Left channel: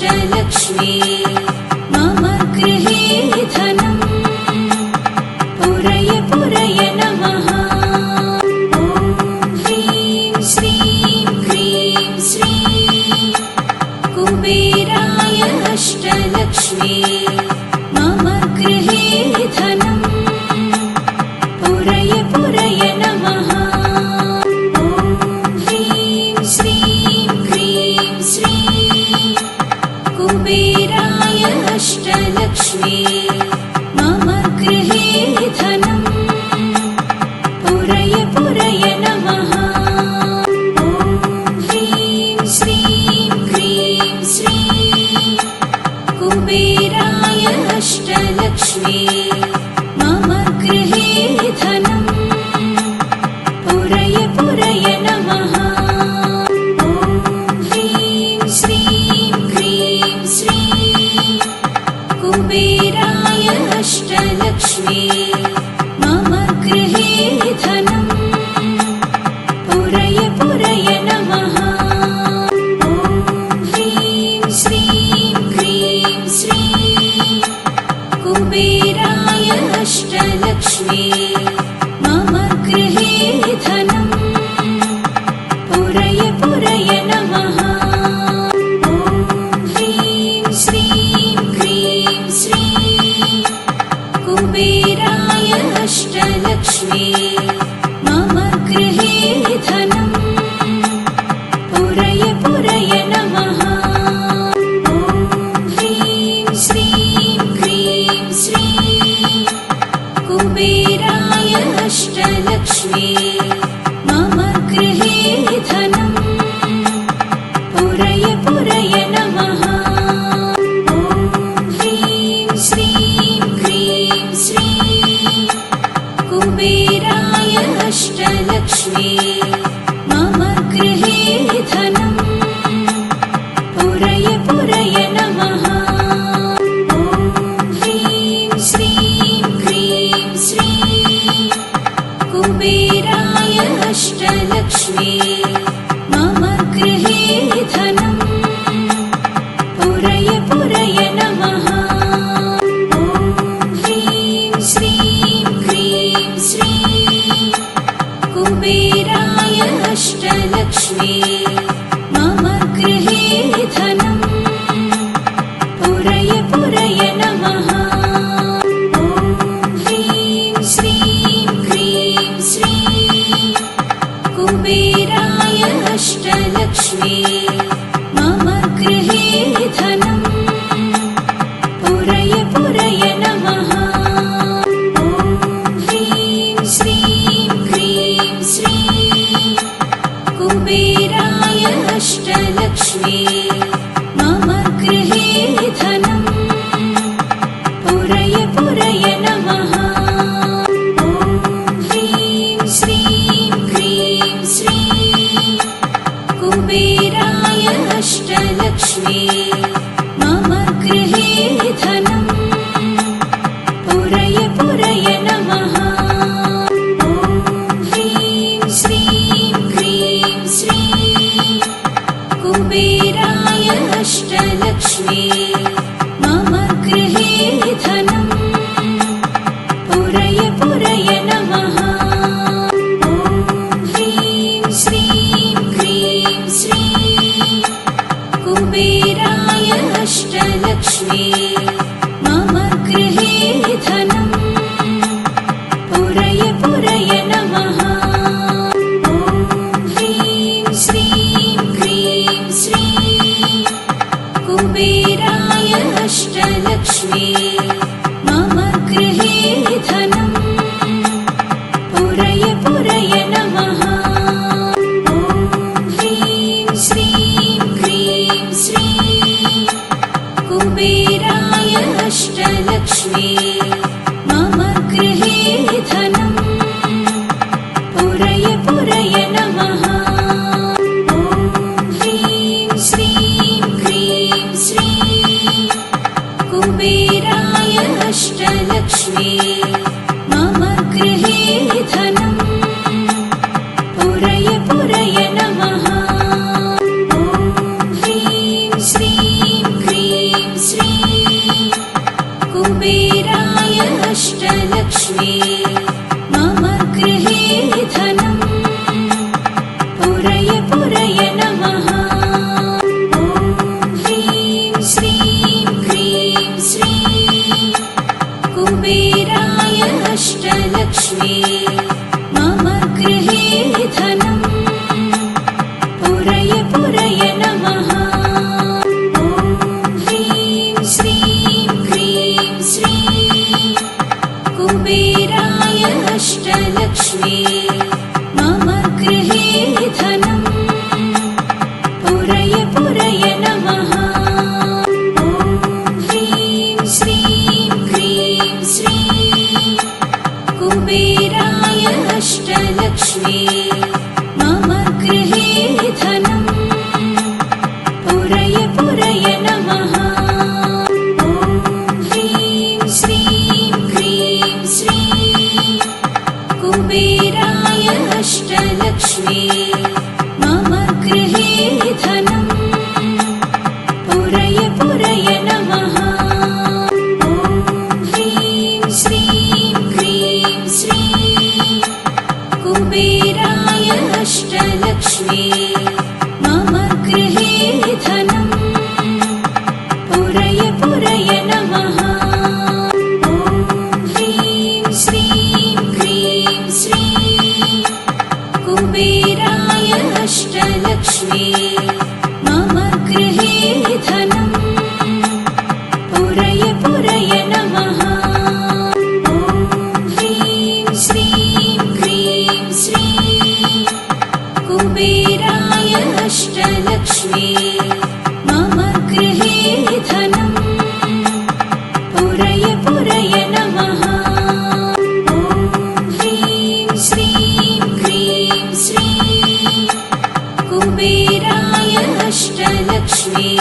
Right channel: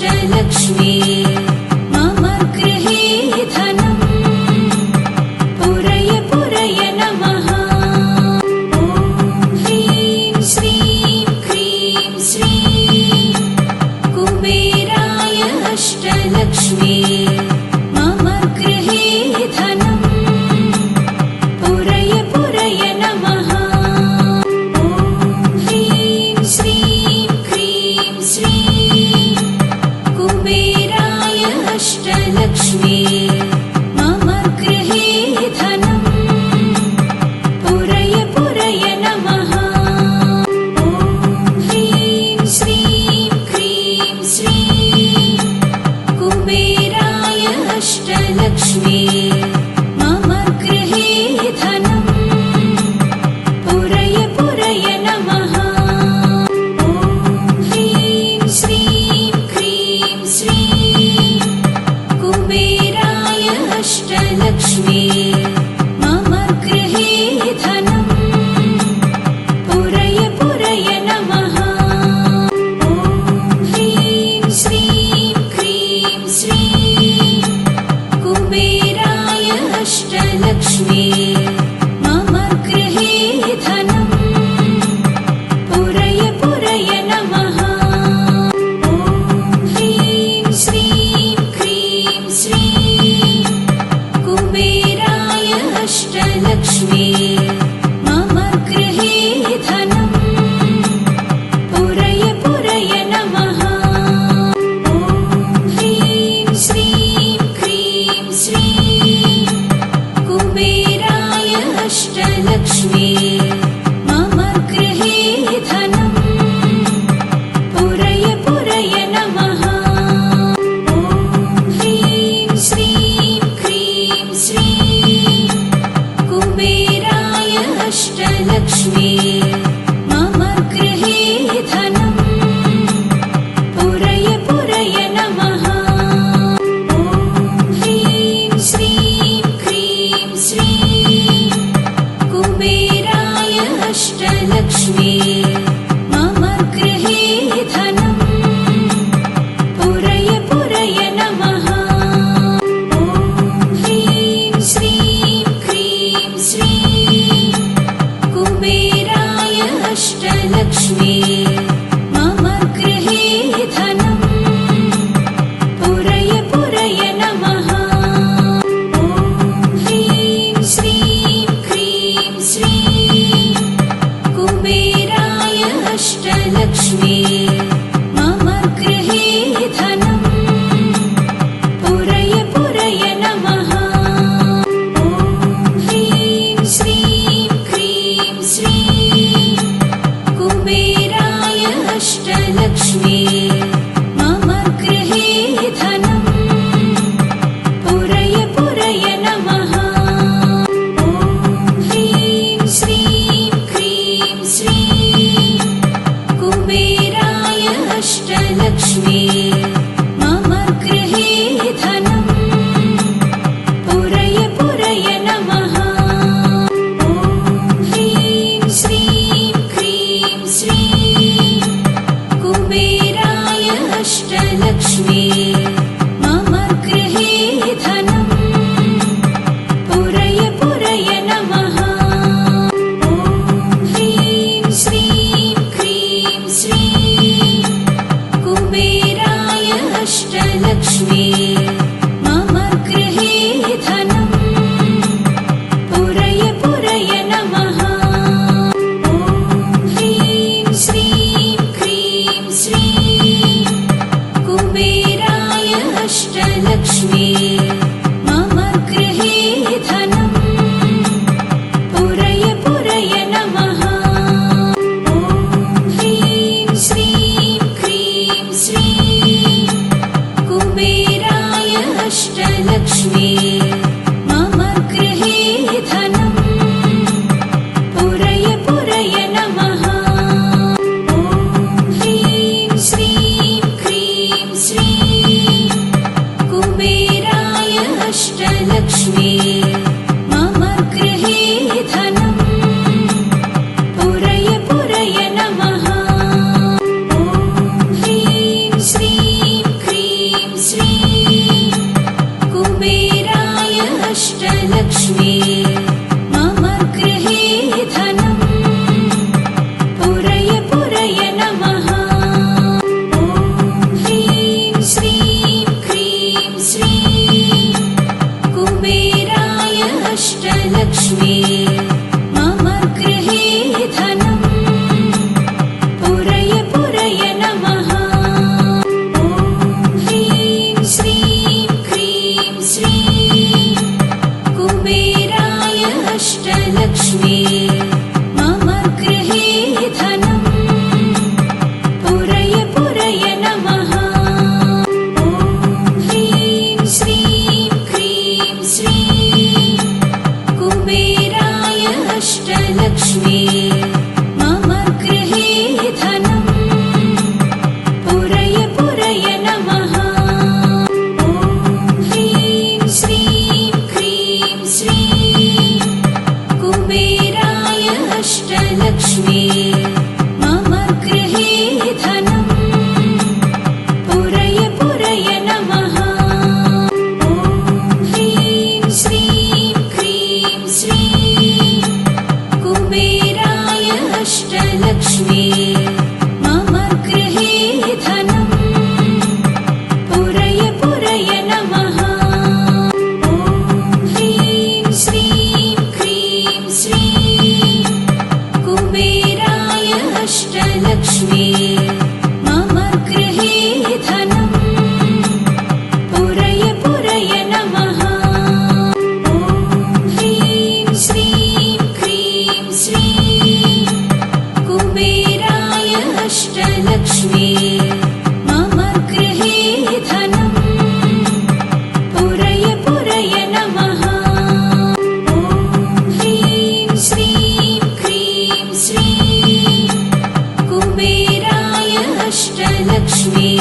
अष्टलक्ष्मी मम गृहे धनम् पुरय पुरय नमः। ॐ ह्रीं श्रीं क्रीं श्रीं कुबेराय अष्टलक्ष्मी मम गृहे धनम् पुरय पुरय नमः। ॐ ह्रीं श्रीं क्रीं श्रीं कुबेराय अष्टलक्ष्मी मम गृहे धनम् पुरय पुरय नमः। ॐ ह्रीं श्रीं क्रीं श्रीं कुबेराय अष्टलक्ष्मी मम गृहे धनम् पुरय पुरय नमः। ॐ ह्रीं श्रीं क्रीं श्रीं कुबेराय अष्टलक्ष्मी मम गृहे धनम् पुरय पुरय नमः। ॐ ह्रीं श्रीं क्रीं श्रीं कुबेराय अष्टलक्ष्मी मम गृहे धनम् पुरय पुरय नमः। ॐ ह्रीं श्रीं क्रीं श्रीं कुबेराय अष्टलक्ष्मी मम गृहे धनम् पुरय पुरय नमः। ॐ ह्रीं श्रीं क्रीं श्रीं कुबेराय अष्टलक्ष्मी मम गृहे धनम् पुरय पुरय नमः। ॐ ह्रीं श्रीं क्रीं श्रीं कुबेराय अष्टलक्ष्मी मम गृहे धनम् पुरय पुरय नमः। ॐ ह्रीं श्रीं क्रीं श्रीं कुबेराय अष्टलक्ष्मी मम गृहे धनम् पुरय पुरय नमः। ॐ ह्रीं श्रीं क्रीं श्रीं कुबेराय अष्टलक्ष्मी मम गृहे धनम् पुरय पुरय नमः। ॐ ह्रीं श्रीं क्रीं श्रीं कुबेराय अष्टलक्ष्मी मम गृहे धनम् पुरय पुरय नमः। ॐ ह्रीं श्रीं क्रीं श्रीं कुबेराय अष्टलक्ष्मी मम गृहे धनम् पुरय पुरय नमः। ॐ ह्रीं श्रीं क्रीं श्रीं कुबेराय अष्टलक्ष्मी मम गृहे धनम् पुरय पुरय नमः। ॐ ह्रीं श्रीं क्रीं श्रीं कुबेराय अष्टलक्ष्मी मम गृहे धनम् पुरय पुरय नमः। ॐ ह्रीं श्रीं क्रीं श्रीं कुबेराय अष्टलक्ष्मी मम गृहे धनम् पुरय पुरय नमः। ॐ ह्रीं श्रीं क्रीं श्रीं कुबेराय अष्टलक्ष्मी मम गृहे धनम् पुरय पुरय नमः। ॐ ह्रीं श्रीं क्रीं श्रीं कुबेराय अष्टलक्ष्मी मम गृहे धनम् पुरय पुरय नमः। ॐ ह्रीं श्रीं क्रीं श्रीं कुबेराय अष्टलक्ष्मी मम गृहे धनम् पुरय पुरय नमः। ॐ ह्रीं श्रीं क्रीं अष्टलक्ष्मी मम गृहे धनम् पुरय पुरय नमः। ॐ ह्रीं श्रीं क्रीं श्रीं कुबेराय अष्टलक्ष्मी मम गृहे धनम् पुरय पुरय नमः। ॐ ह्रीं श्रीं क्रीं श्रीं कुबेराय अष्टलक्ष्मी मम गृहे धनम् पुरय पुरय नमः। ॐ ह्रीं श्रीं क्रीं श्रीं कुबेराय अष्टलक्ष्मी मम गृहे धनम् पुरय पुरय नमः। ॐ ह्रीं श्रीं क्रीं श्रीं कुबेराय अष्टलक्ष्मी मम गृहे धनम् पुरय पुरय नमः। ॐ ह्रीं श्रीं क्रीं श्रीं कुबेराय अष्टलक्ष्मी मम गृहे धनम् पुरय पुरय नमः। ॐ ह्रीं श्रीं क्रीं श्रीं कुबेराय अष्टलक्ष्मी मम गृहे धनम् पुरय पुरय नमः। ॐ ह्रीं श्रीं क्रीं श्रीं कुबेराय अष्टलक्ष्मी मम गृहे धनम् पुरय पुरय नमः। ॐ ह्रीं श्रीं क्रीं श्रीं कुबेराय अष्टलक्ष्मी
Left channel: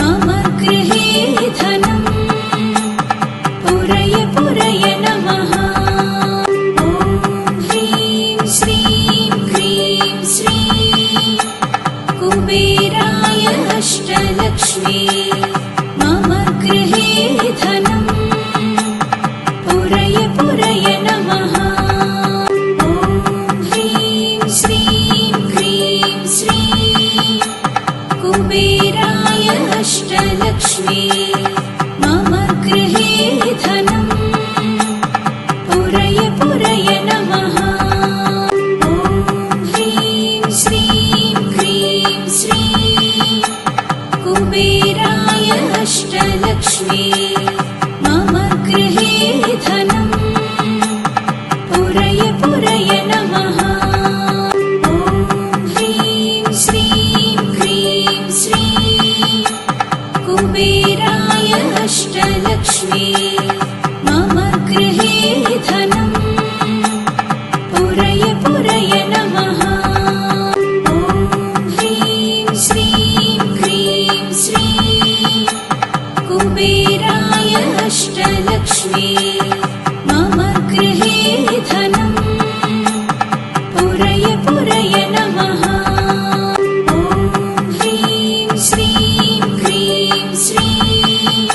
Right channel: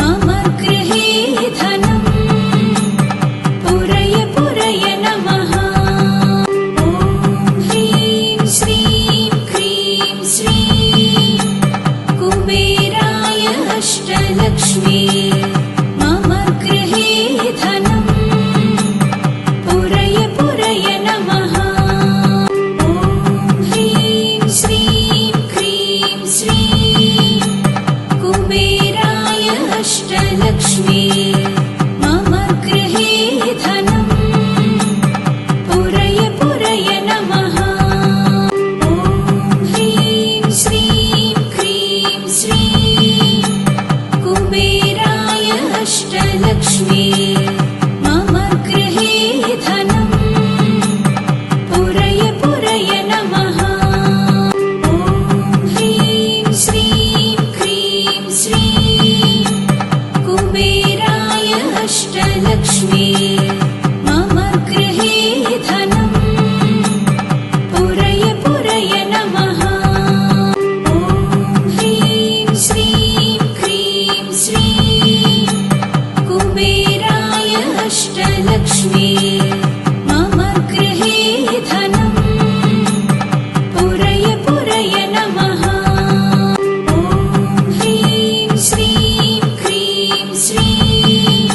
मम गृहे धनम् पुरय पुरय नमः। ॐ ह्रीं श्रीं क्रीं श्रीं कुबेराय अष्टलक्ष्मी मम गृहे धनम् पुरय पुरय नमः। ॐ ह्रीं श्रीं क्रीं श्रीं कुबेराय अष्टलक्ष्मी मम गृहे धनम् पुरय पुरय नमः। ॐ ह्रीं श्रीं क्रीं श्रीं कुबेराय अष्टलक्ष्मी मम गृहे धनम् पुरय पुरय नमः। ॐ ह्रीं श्रीं क्रीं श्रीं कुबेराय अष्टलक्ष्मी मम गृहे धनम् पुरय पुरय नमः। ॐ ह्रीं श्रीं क्रीं श्रीं कुबेराय अष्टलक्ष्मी मम गृहे धनम् पुरय पुरय नमः। ॐ ह्रीं श्रीं क्रीं श्रीं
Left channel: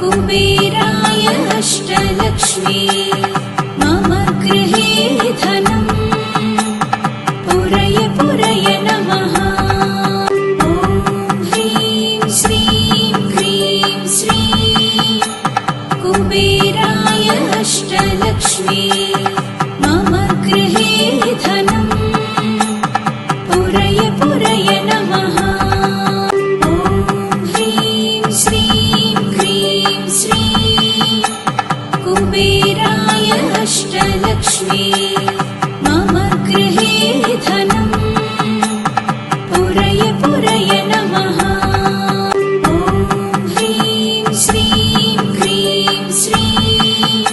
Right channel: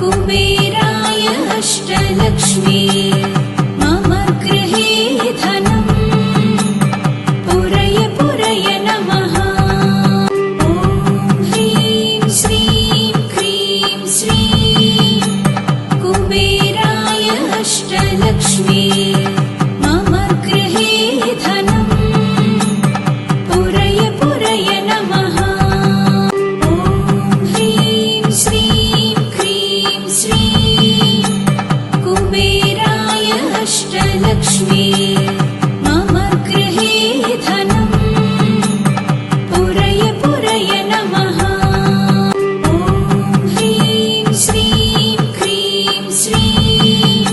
कुबेराय अष्टलक्ष्मी मम गृहे धनम् पुरय पुरय नमः। ॐ ह्रीं श्रीं क्रीं श्रीं कुबेराय अष्टलक्ष्मी मम गृहे धनम् पुरय पुरय नमः। ॐ ह्रीं श्रीं क्रीं श्रीं कुबेराय अष्टलक्ष्मी मम गृहे धनम् पुरय पुरय नमः। ॐ ह्रीं श्रीं क्रीं श्रीं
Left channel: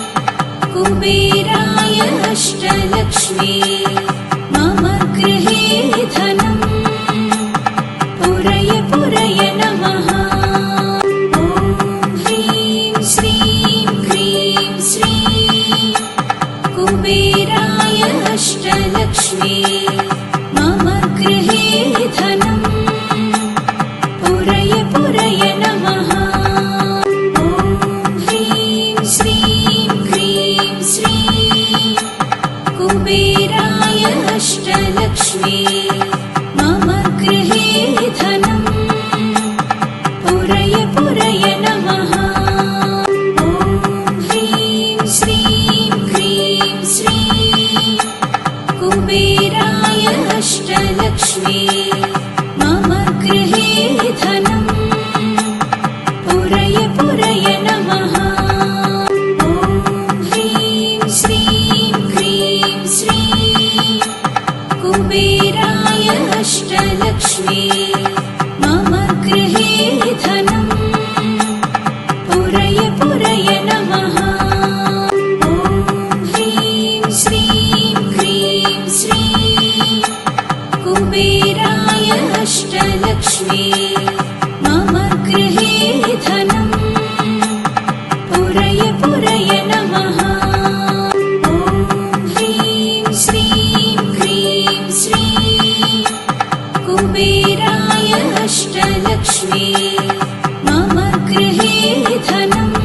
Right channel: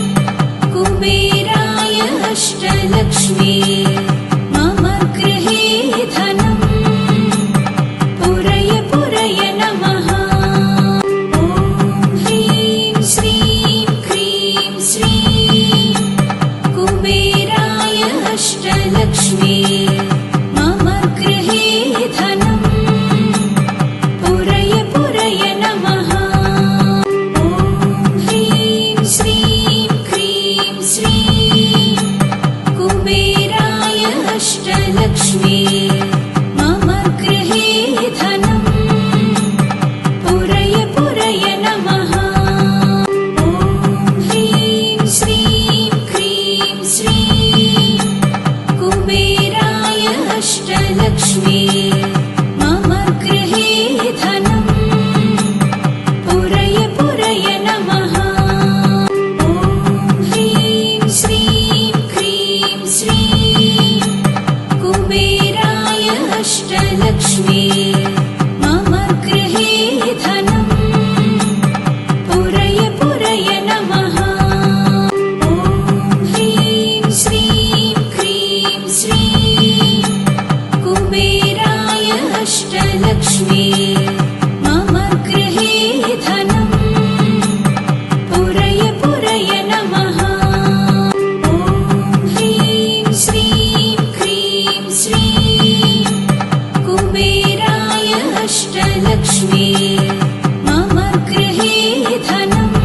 कुबेराय अष्टलक्ष्मी मम गृहे धनम् पुरय पुरय नमः। ॐ ह्रीं श्रीं क्रीं श्रीं कुबेराय अष्टलक्ष्मी मम गृहे धनम् पुरय पुरय नमः। ॐ ह्रीं श्रीं अष्टलक्ष्मी मम गृहे धनम् पुरय पुरय नमः। ॐ ह्रीं श्रीं क्रीं श्रीं कुबेराय अष्टलक्ष्मी मम गृहे धनम् पुरय पुरय नमः। ॐ ह्रीं श्रीं क्रीं श्रीं कुबेराय अष्टलक्ष्मी मम गृहे धनम् पुरय पुरय नमः। ॐ ह्रीं श्रीं क्रीं श्रीं कुबेराय अष्टलक्ष्मी मम गृहे धनम् पुरय पुरय नमः। ॐ ह्रीं श्रीं क्रीं श्रीं कुबेराय अष्टलक्ष्मी मम गृहे धनम्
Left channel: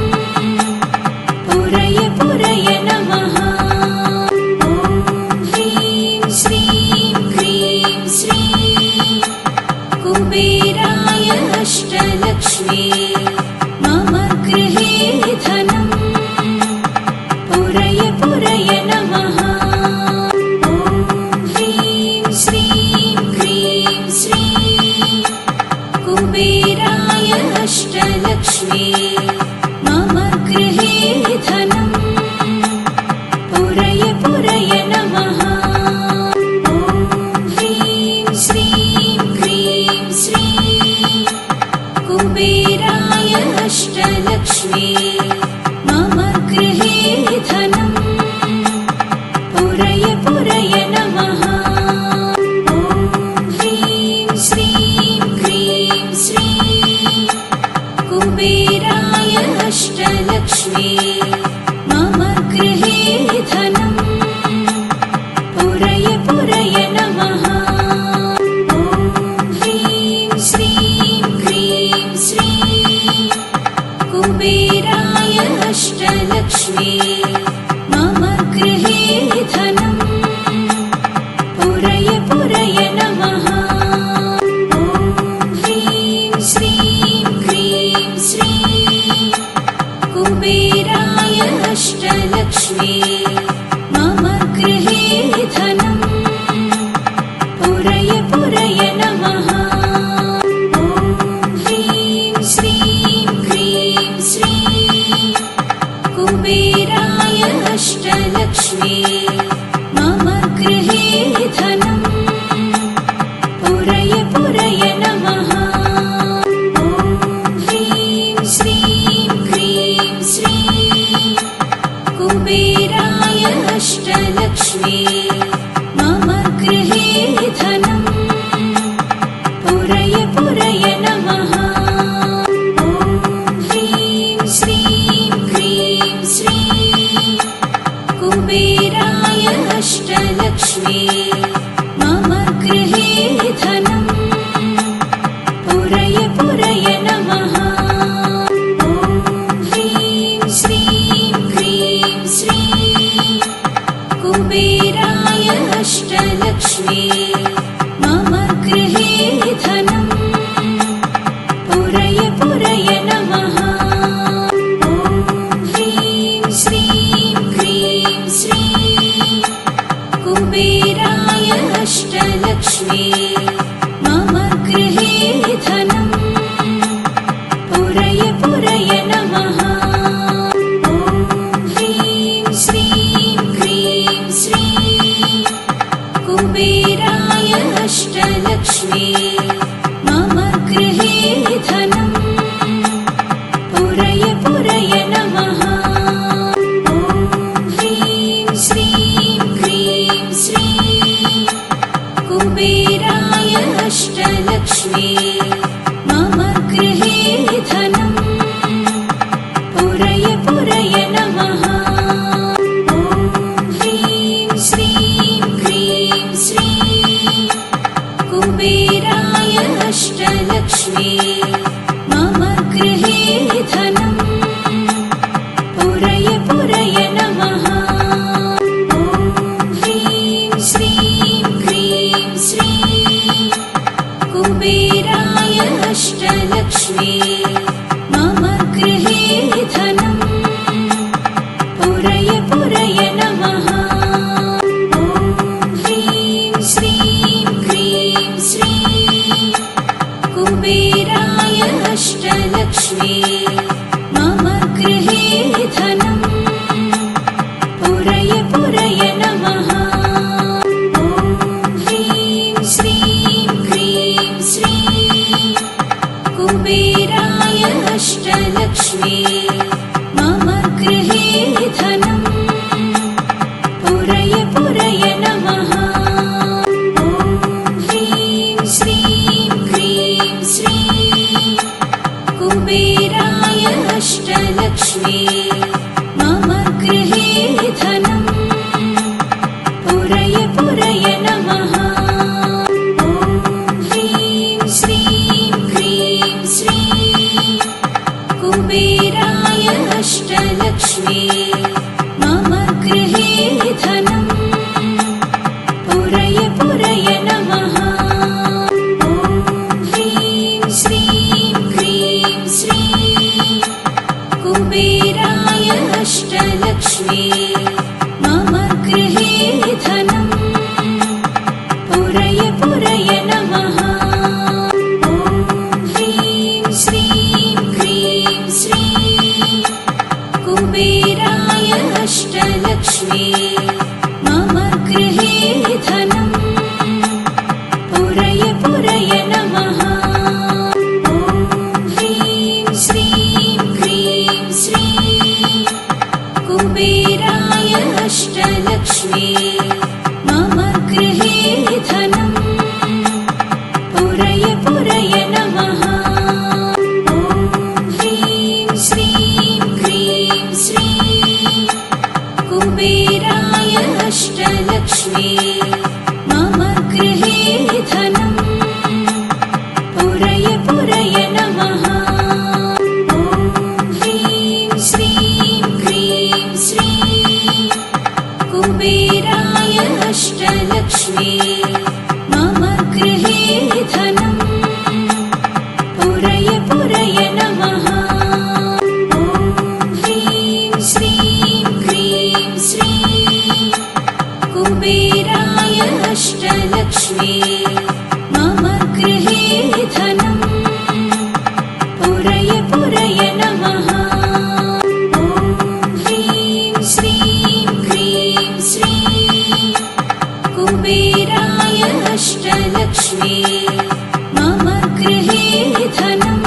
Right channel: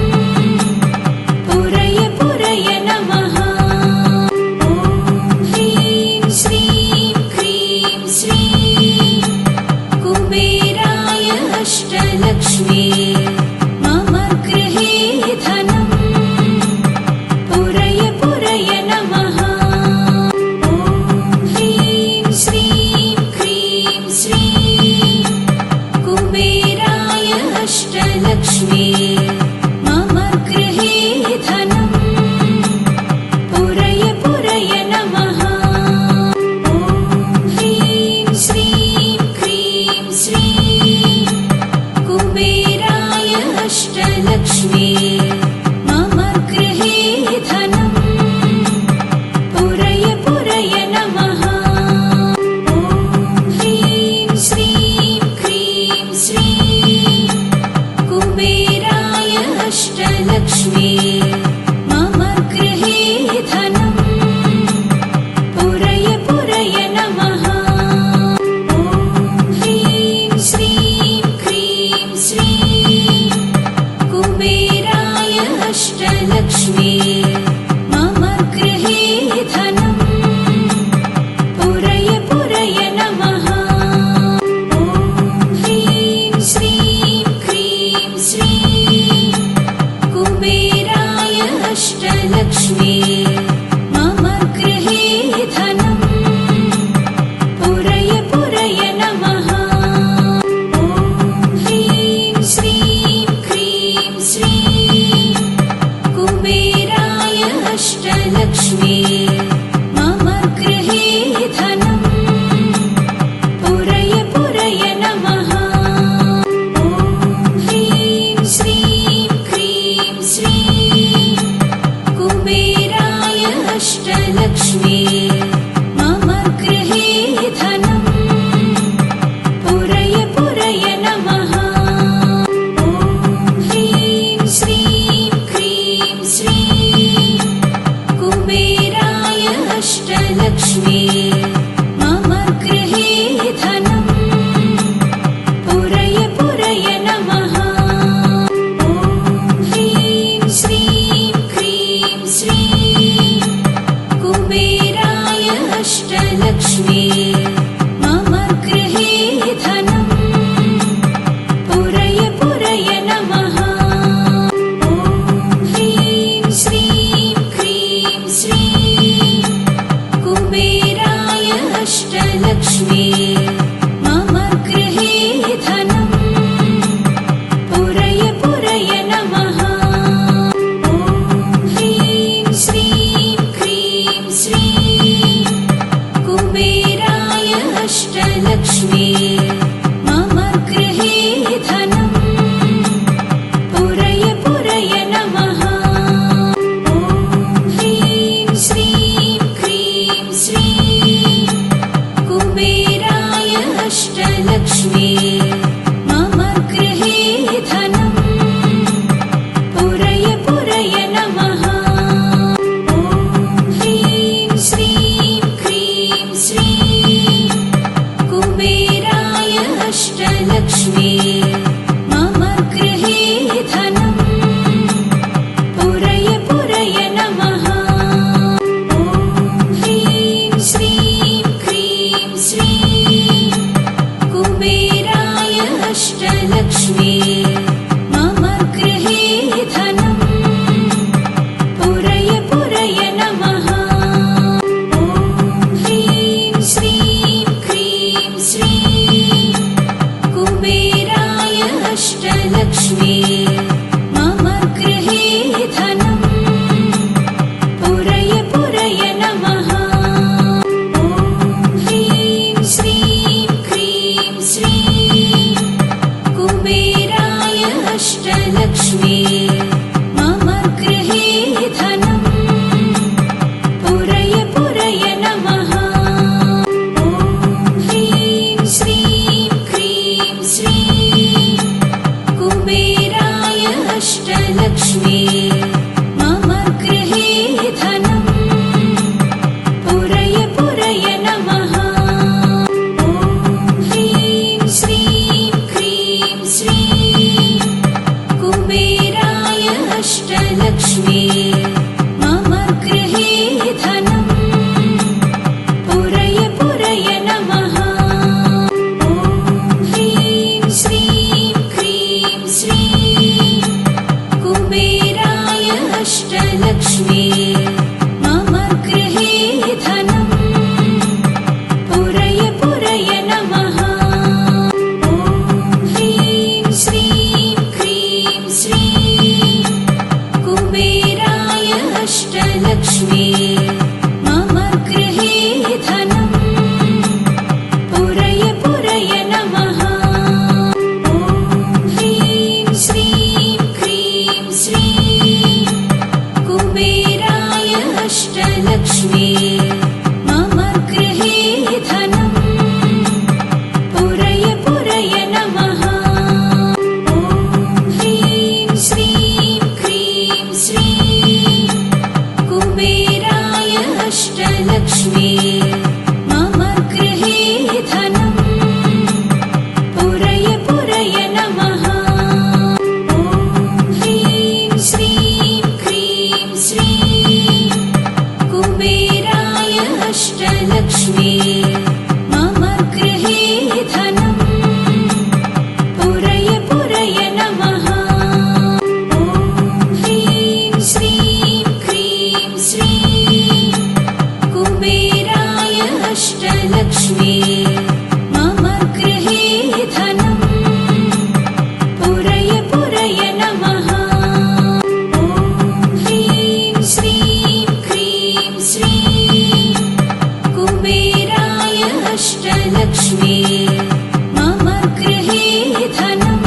पुरय पुरय नमः। ॐ ह्रीं श्रीं क्रीं श्रीं कुबेराय अष्टलक्ष्मी मम गृहे धनम् पुरय पुरय नमः। ॐ ह्रीं श्रीं क्रीं श्रीं कुबेराय अष्टलक्ष्मी मम गृहे धनम् पुरय पुरय नमः। ॐ ह्रीं श्रीं क्रीं श्रीं कुबेराय अष्टलक्ष्मी मम गृहे धनम् पुरय पुरय नमः। ॐ ह्रीं श्रीं क्रीं श्रीं कुबेराय अष्टलक्ष्मी मम गृहे धनम् पुरय पुरय नमः। ॐ ह्रीं श्रीं क्रीं श्रीं कुबेराय अष्टलक्ष्मी मम गृहे धनम् पुरय पुरय नमः। ॐ ह्रीं श्रीं क्रीं श्रीं कुबेराय अष्टलक्ष्मी मम गृहे धनम् पुरय पुरय नमः। ॐ ह्रीं श्रीं क्रीं श्रीं कुबेराय अष्टलक्ष्मी मम गृहे धनम् पुरय पुरय नमः। ॐ ह्रीं श्रीं क्रीं श्रीं कुबेराय अष्टलक्ष्मी मम गृहे धनम् पुरय पुरय नमः। ॐ ह्रीं श्रीं क्रीं श्रीं कुबेराय अष्टलक्ष्मी मम गृहे धनम् पुरय पुरय नमः। ॐ ह्रीं श्रीं क्रीं श्रीं कुबेराय अष्टलक्ष्मी मम गृहे धनम् पुरय पुरय नमः। ॐ ह्रीं श्रीं क्रीं श्रीं कुबेराय अष्टलक्ष्मी मम गृहे धनम् पुरय पुरय नमः। ॐ ह्रीं श्रीं क्रीं श्रीं कुबेराय अष्टलक्ष्मी मम गृहे धनम् पुरय पुरय नमः। ॐ ह्रीं श्रीं क्रीं श्रीं कुबेराय अष्टलक्ष्मी मम गृहे धनम् पुरय पुरय नमः। ॐ ह्रीं श्रीं क्रीं श्रीं कुबेराय अष्टलक्ष्मी मम गृहे धनम् पुरय पुरय नमः। ॐ ह्रीं श्रीं श्रीं कुबेराय अष्टलक्ष्मी मम गृहे धनम् पुरय पुरय नमः। ॐ ह्रीं श्रीं क्रीं श्रीं कुबेराय अष्टलक्ष्मी मम गृहे धनम् पुरय पुरय नमः। ॐ ह्रीं श्रीं क्रीं श्रीं कुबेराय अष्टलक्ष्मी मम गृहे धनम् पुरय पुरय नमः। ॐ ह्रीं श्रीं क्रीं श्रीं कुबेराय अष्टलक्ष्मी मम गृहे धनम् पुरय पुरय नमः। ॐ ह्रीं श्रीं क्रीं श्रीं कुबेराय अष्टलक्ष्मी मम गृहे धनम् पुरय पुरय नमः। ॐ ह्रीं श्रीं क्रीं श्रीं कुबेराय अष्टलक्ष्मी मम गृहे धनम् पुरय पुरय नमः। ॐ ह्रीं श्रीं क्रीं श्रीं कुबेराय अष्टलक्ष्मी मम गृहे धनम् पुरय पुरय नमः। ॐ ह्रीं श्रीं क्रीं श्रीं कुबेराय अष्टलक्ष्मी मम गृहे धनम् पुरय पुरय नमः। ॐ ह्रीं श्रीं क्रीं श्रीं कुबेराय अष्टलक्ष्मी मम गृहे धनम् पुरय पुरय नमः। ॐ ह्रीं श्रीं क्रीं श्रीं कुबेराय अष्टलक्ष्मी मम गृहे धनम् पुरय पुरय नमः। ॐ ह्रीं श्रीं क्रीं श्रीं कुबेराय अष्टलक्ष्मी मम गृहे धनम् पुरय पुरय नमः। ॐ ह्रीं श्रीं क्रीं श्रीं कुबेराय अष्टलक्ष्मी मम गृहे धनम्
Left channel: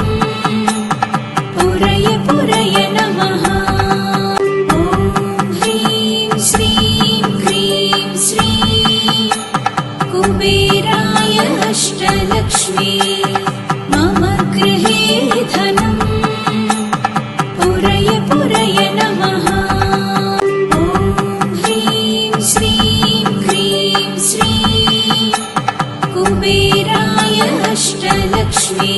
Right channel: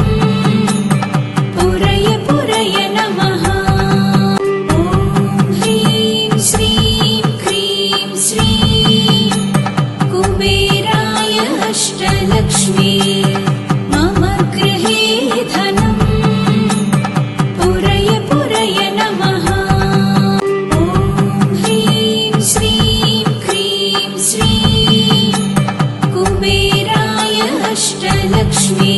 पुरय पुरय नमः। ॐ ह्रीं श्रीं क्रीं श्रीं कुबेराय अष्टलक्ष्मी मम गृहे धनम् पुरय पुरय नमः। ॐ ह्रीं श्रीं क्रीं श्रीं कुबेराय अष्टलक्ष्मी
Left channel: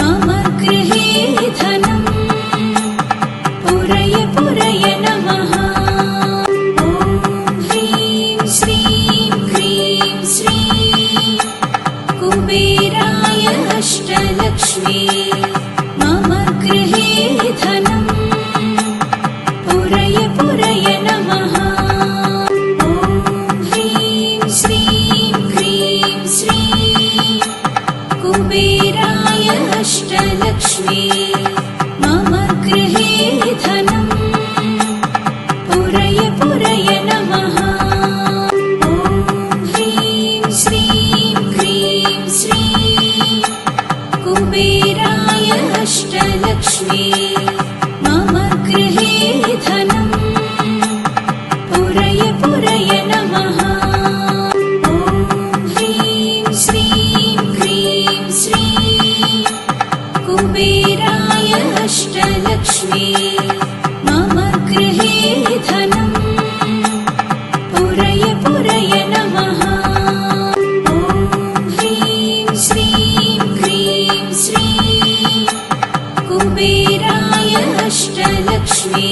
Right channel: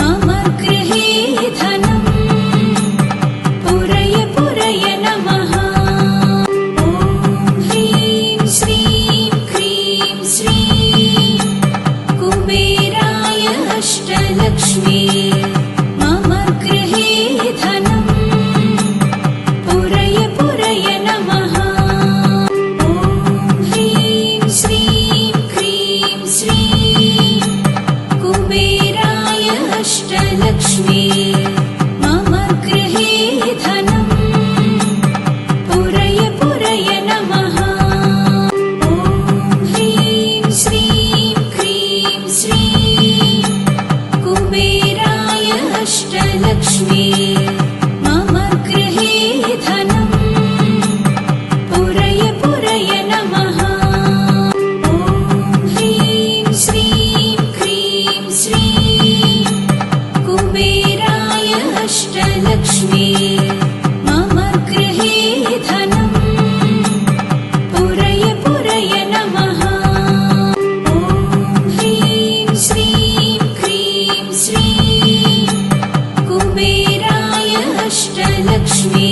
मम गृहे धनम् पुरय पुरय नमः। ॐ ह्रीं श्रीं क्रीं श्रीं कुबेराय अष्टलक्ष्मी मम गृहे धनम् पुरय पुरय नमः। ॐ ह्रीं श्रीं क्रीं श्रीं कुबेराय अष्टलक्ष्मी मम गृहे धनम् पुरय पुरय नमः। ॐ ह्रीं श्रीं क्रीं श्रीं कुबेराय अष्टलक्ष्मी मम गृहे धनम् पुरय पुरय नमः। ॐ ह्रीं श्रीं क्रीं श्रीं कुबेराय अष्टलक्ष्मी मम गृहे धनम् पुरय पुरय नमः। ॐ ह्रीं श्रीं क्रीं श्रीं कुबेराय अष्टलक्ष्मी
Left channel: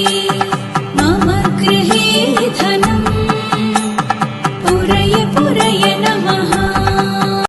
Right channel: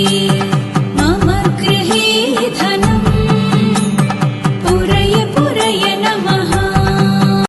मम गृहे धनम् पुरय पुरय नमः।